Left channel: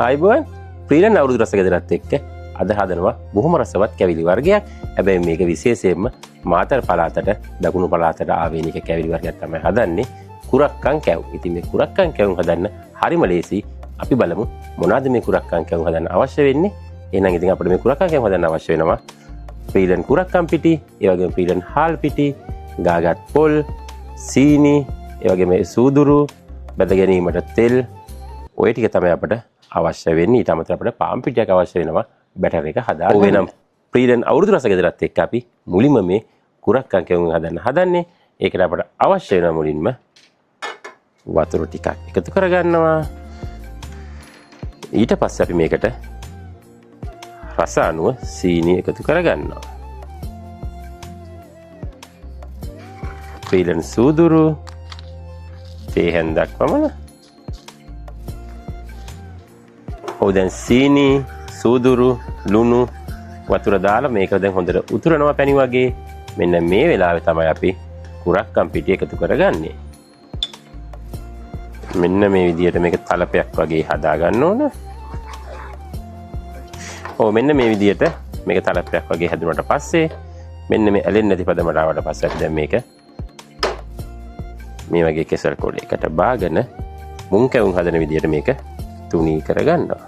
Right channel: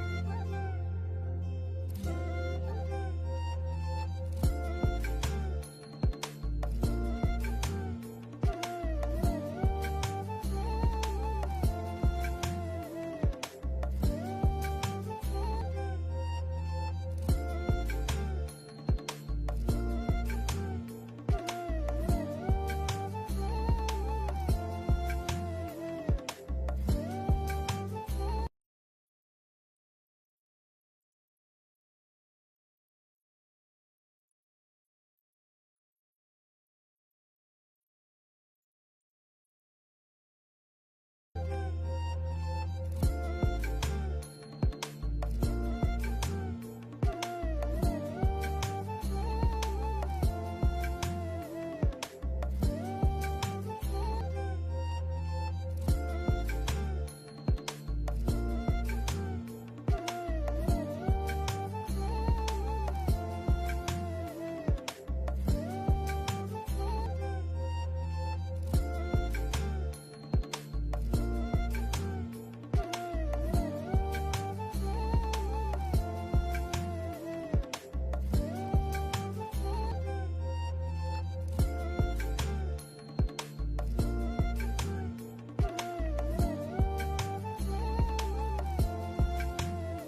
ආයිබෝන් ප්‍රීලන් අවුරුදු රස ගෙදරත් එක්ක අද හදනවා බොහොම රසවත් කැවිලි වර්ගයක්. හැබැයි මේක විශේෂයෙන්ම මාතර පළාතට දකුණු පළාතට ආවේනික කැවිලි වර්ගයක් තමයි හදන්නේ. කුරක්කන් කැව්. ඉතින් මේ කුරක්කන් කැවුම් හදන්න හරිම ලේසි. අපි බලමු මොනවද මේ කුරක්කන් කැවුම් හදන්න අවශ්‍ය වෙන්නේ. එහෙනම් ඉතින් අපිට මේ කුරක්කන් කැවුම් හදන්න අවශ්‍ය වෙනවා ප්‍රීලන් කුරක්කන් පිටි, ඒ වගේම ප්‍රීලන් හාල් පිටි, ගාගත් පොල්, සීනි, ඒ වගේම සූදුරු, බැද ගැනීමට තෙල්, ඔය ටික තමයි අපිට අවශ්‍ය වෙන්නේ. ඊට අමතරව අපිට පාන් පිටියක් අවශ්‍ය වෙනවා බැටර් එක හදාගන්න. ඔය නම් ප්‍රීලන් අවුරුදු රස ගෙදරත් එක්ක අපි මුලින්ම මේ කුරක්කන් කැවුම් හදන්නේ. ඒකට අපිට අවශ්‍ය වෙන මුලින්ම වතුර ටිකක් එකතු කරගන්නවා. ඊට පස්සේ අපි මේකට රස අනුව සීනි එකතු කරගන්නවා. ප්‍රීලන් සූදුරු තේ හැන්දක් පමණ. දැන් සීනි, සූදුරු, ලුණු, වතුර දාලා මේක දැන් හොඳට උතුරනවා පැණි වගේ. මෙන්න මේ වෙලාවේ තමයි අපි කුරක්කන් පිටි එකතු කරගන්නේ. මෙන්න මේ විදිහට මේක තලපයක් වගේ හදා ගන්න ඕන. මෙන්න මේ විදිහට මේක තලපයක් වගේ හැදුනට පස්සේ මෙන්න මේ ඇලෙන්නේ නැති පදමට ආවට පස්සේ අපි දැන් මේක මේ වගේ කෙසල් කොටයකට බාගෙන මුං කැවුම් හදන විදිහට මේක තුනී කරගන්නවා.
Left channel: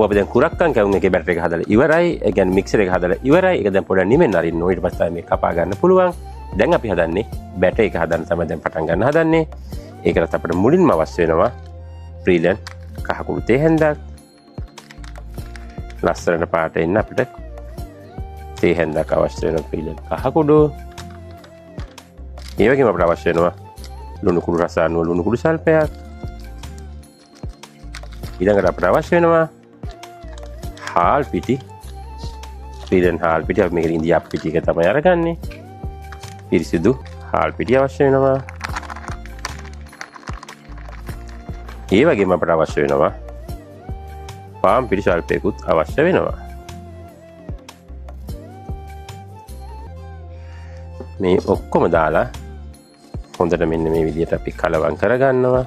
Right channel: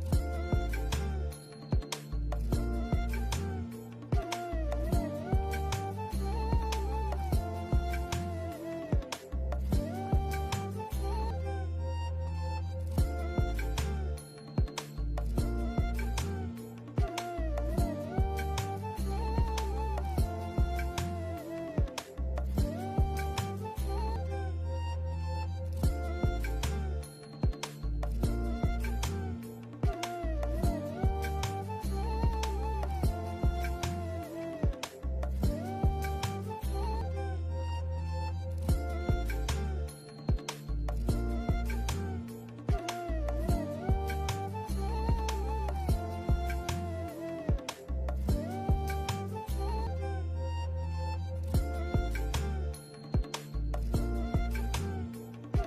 අපි දැන් කුරක්කන් කැවුම් එකේ බැටර් එක හදලා ඉවරයි. ඒ කියන්නේ මික්සර් එක හදලා ඉවරයි. ඒක දැන් පොඩ්ඩක් නිවෙන්න අරින්න ඕන. ඊට පස්සේ මේක කපා ගන්න පුළුවන්. දැන් අපි හදන්නේ බැටර් එක හදන්න තමයි දැන් පටන් ගන්න හදන්නේ. ඒකට අපිට මුලින්ම අවශ්‍ය වෙනවා ප්‍රීලන් කහකුඩු තේ හැන්දක්. ලස්සනට පාට එන්න අපිට තේ හැන්දක් අවශ්‍ය වෙනවා ප්‍රීලන් කහකුඩු. ඒ වගේම අපිට අවශ්‍ය වෙනවා ලුණු කුඩු රස අනුව ලුණු කුඩු සල්පයක්. ඊළඟට අපිට අවශ්‍ය වෙනවා හාල් පිටි. ප්‍රීලන් හාල් පිටි අපි මේකේ ඉන්දියාප් පිටි එක තමයි අරගන්නේ. පිරිසිදු හාල් පිටි අවශ්‍ය වෙනවා. ඒ වගේම අපට අවශ්‍ය වෙනවා පාන් පිටි සල්පයකුත් අවශ්‍ය වෙනවා. මේ ඔක්කොම දාලා හොඳට මෙන්න මේ විදිහට අපි කලවම් කරගන්නවා.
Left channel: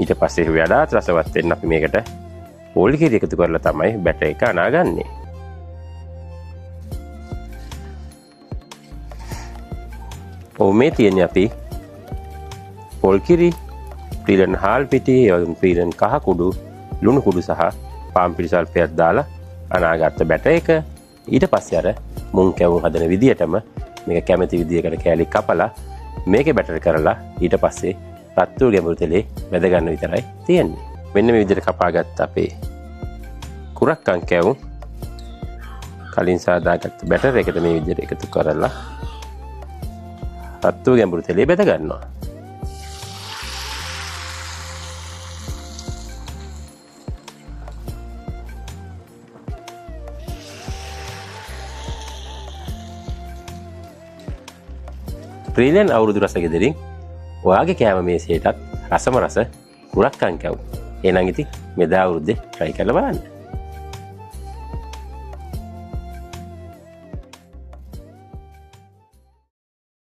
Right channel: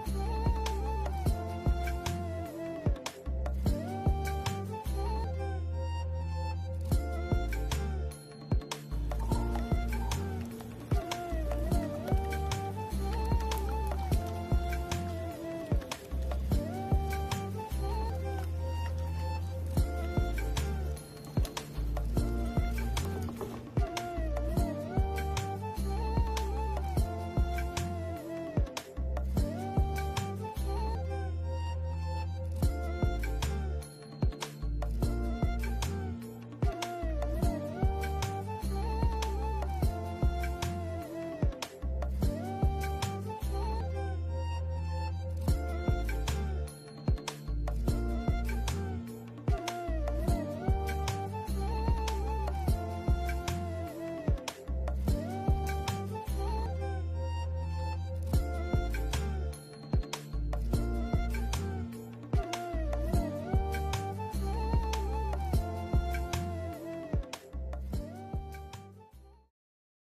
ඊට පස්සේ වඩාත් රසවත් වෙන්න අපි මේකට පොල් කිරි එකතු කරලා තමයි බැටර් එක අනාගන්නේ. මේ තියෙන්නේ අපි පොල් කිරි, ප්‍රීලන් හාල් පිටි, ප්‍රීලන් කහ කුඩු, ලුණු කුඩු සහ පාන් පිටි සල්පයක් දාලා අනාගත්ත බැටර් එක. ඊට පස්සේ අර මුං කැවුම් හදන විදිහටම මේක කැමති විදිහකට කෑලි කපලා මේකේ බැටර් කරලා ඊට පස්සේ රත්තු ගැඹුරු තෙලේ වැද ගන්න විතරයි තියෙන්නේ. මෙන්න මේ විදිහට කපාගත්ත අපේ කුරක්කන් කැවුම් කලින් සාදාගත්ත බැටර් එකට මේ විදිහට එකතු කරලා රත්තු ගැඹුරු තෙලේ වැද ගන්නවා. ප්‍රීලන් අවුරුදු රස ගෙදරින් ඔයාගේ කෑම මේසයටත් රසම රස කුරක්කන් කැවුම්. එහෙනම් ඉතින් මෙදා අවුරුද්දේ try කරලා බලන්න.